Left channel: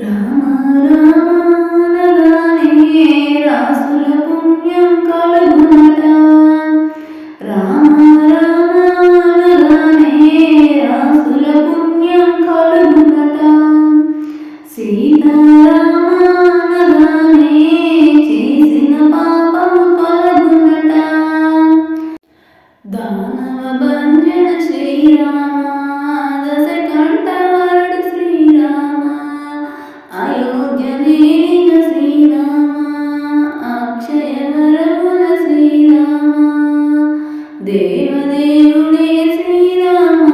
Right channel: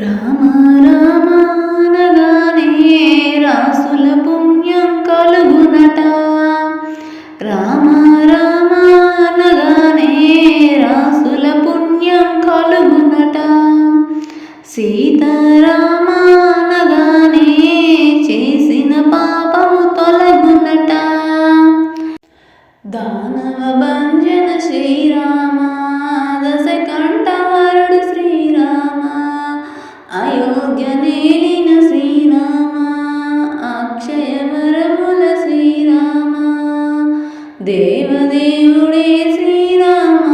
రామ రామానగానే రాసుల పుణ్యం కలుగునట. రామ రామానగానే రాసుల పుణ్యం కలుగునట. సీతారామానగానే చేసిన పాపము తొలగునట. దానవ భంజన శ్రీరామ దేవదేవుడే శ్రీరామ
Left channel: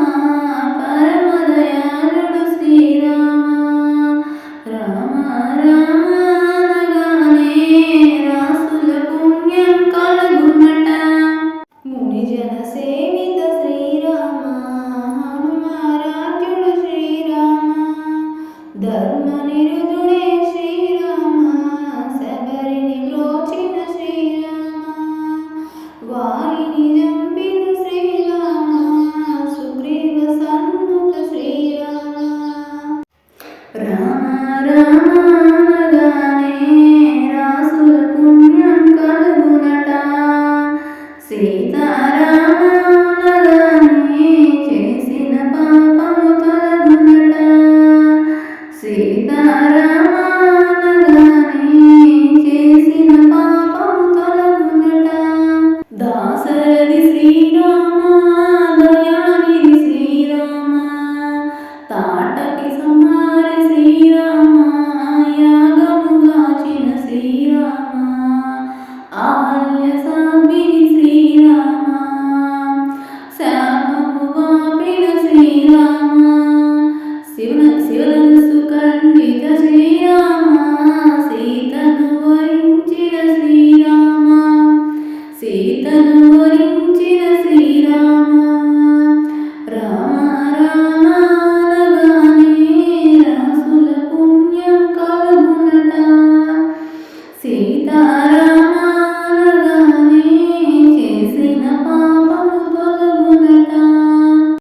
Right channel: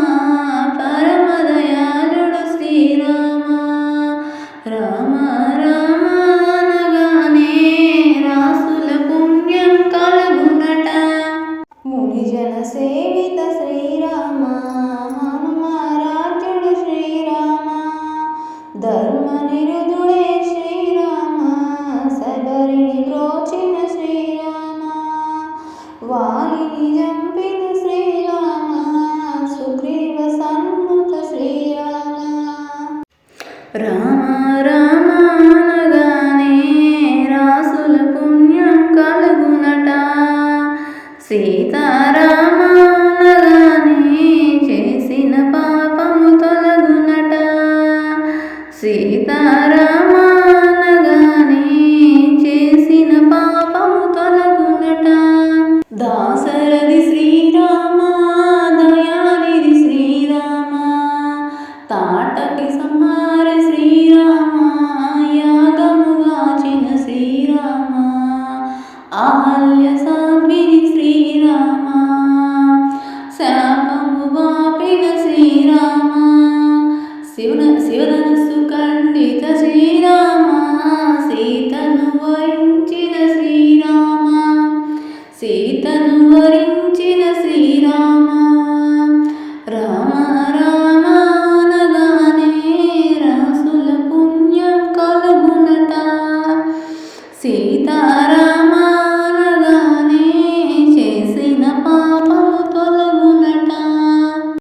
పరమదయాళుడు శ్రీరామ. రామ రామానగానే రాసుల పుణ్యం కలుగునట. మునిజన సేవిత శ్రీరామ హనుమారాధ్యుడు శ్రీరామ. ధర్మ నిరుదుడే శ్రీ రామ రామానగానే రాసుల పుణ్యం కలుగునట. సీతారామానగానే చేసిన పాపము తొలగునట సీతారామానగానే చేసిన పాపము తొలగునట దాసరది శ్రీరామ ఆహల్య సాధ్విని శ్రీరామ. శాపము వాపిన శ్రీరామ. శివన శివధనుసు ఖండిత శ్రీరామ. సీతను వరించిన శ్రీరామ. సీతను వరించిన శ్రీరామ. రామ రామానగానే రాసుల పుణ్యం కలుగునట. సీతారామ